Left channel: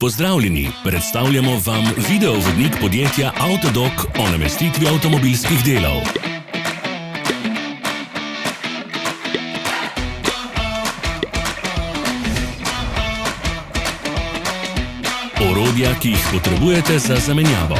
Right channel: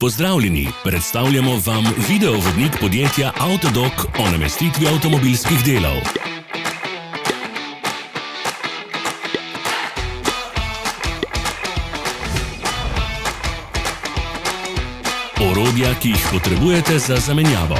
Pozdravljeni, predstavljamo vam videovodnik podjetja AUTODOC o namestitvi avtomobilskih delov. Orodja, ki jih potrebujete za zamenjavo.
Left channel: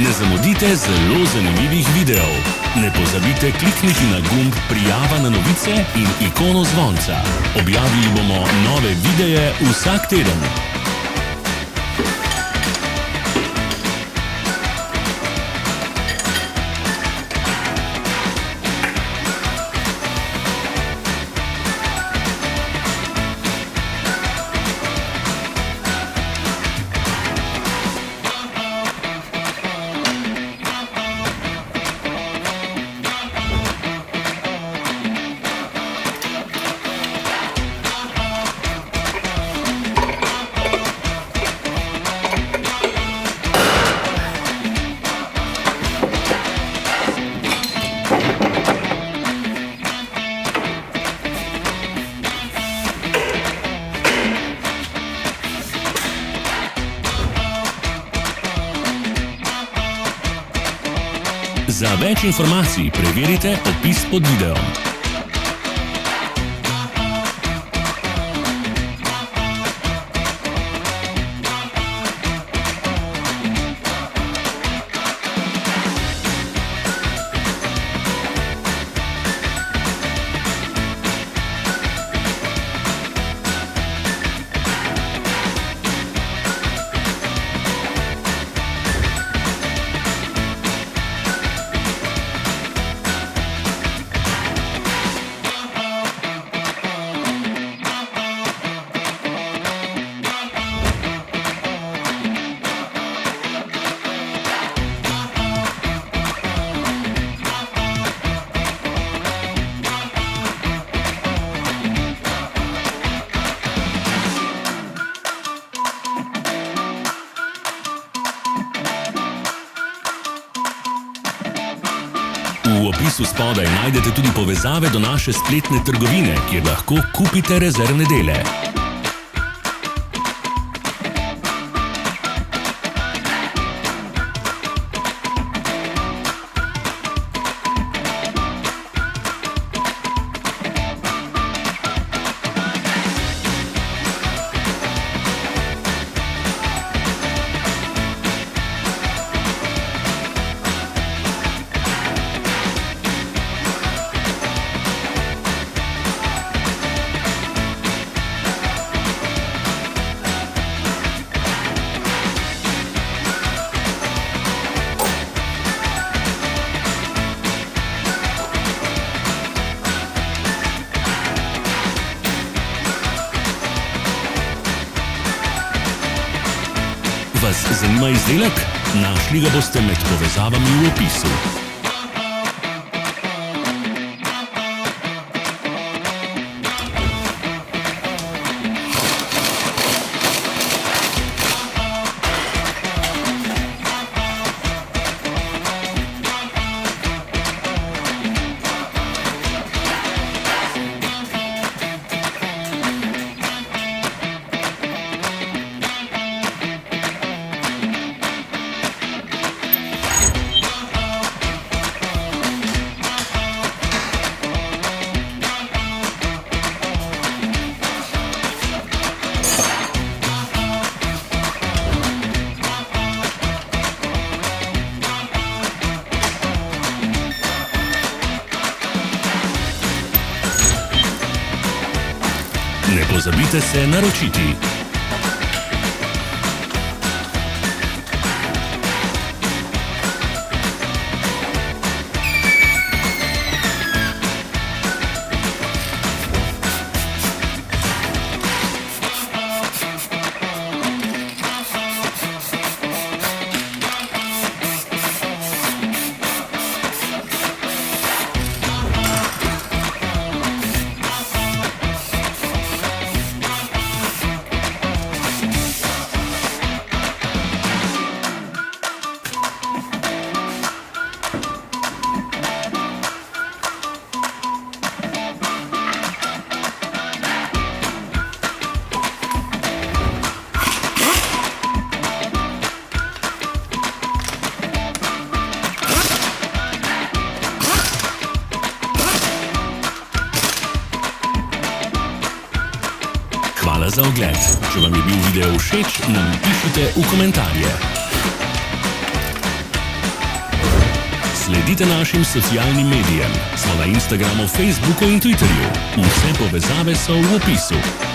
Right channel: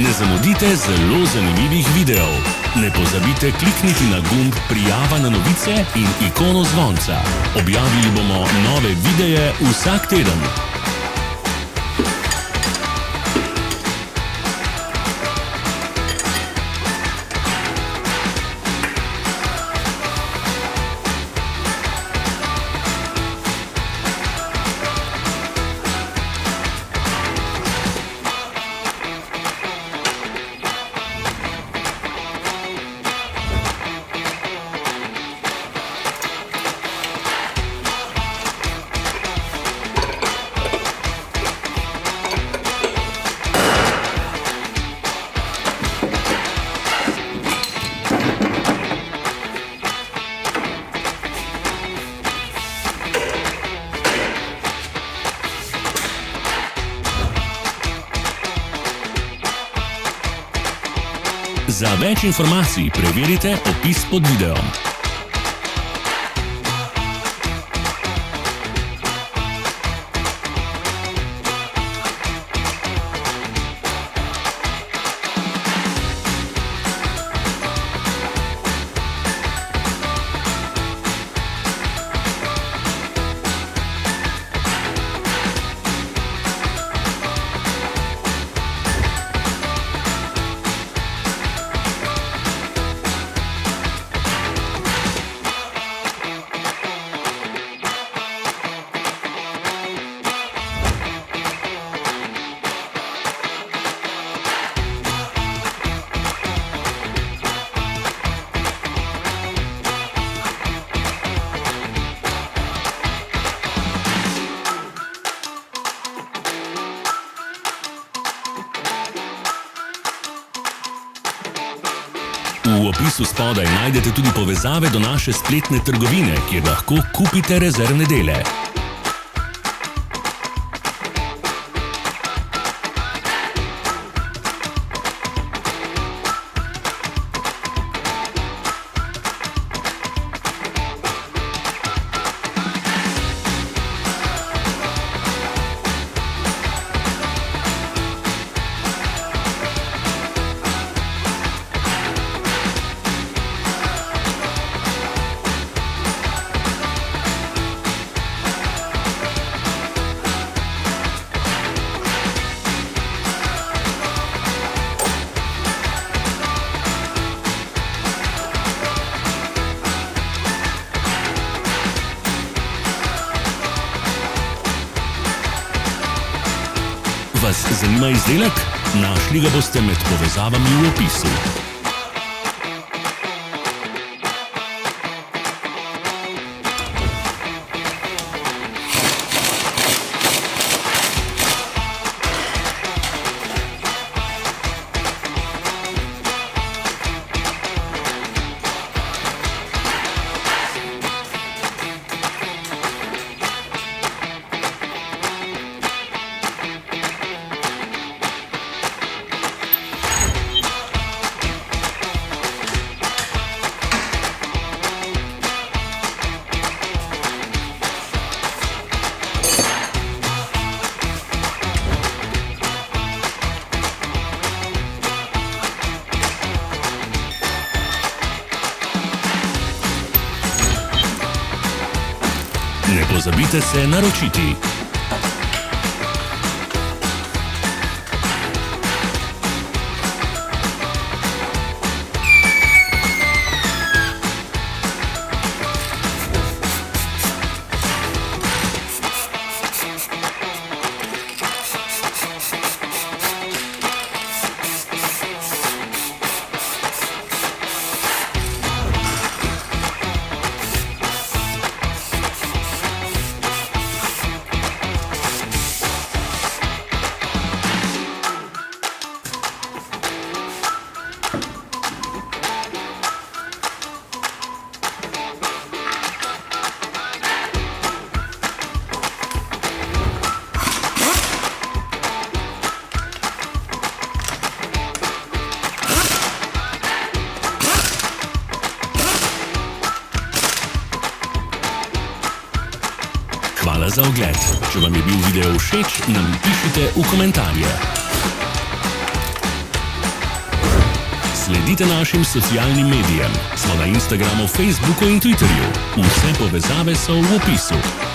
Ne zamudite zelo zanimivih videov. Ne pozabite klikniti na gumb prijava na novice in ikono zvonca. Objavili bomo nove videe vsak teden. Za več informacij preverite opis pod videom. V opisu spodaj najdete tudi povezave do naše spletne trgovine, kjer lahko kupite rezervne dele. Vas zanima izdelek? Našli ga boste med povezavami v opisu. pozabite se naročiti. Hvala za ogled. Če vam je bil video všeč, nam pišite v komentarje. Sledite našim socialnim medijem. Smo na Instagramu, Facebooku in Twitterju. Vse povezave so v opisu.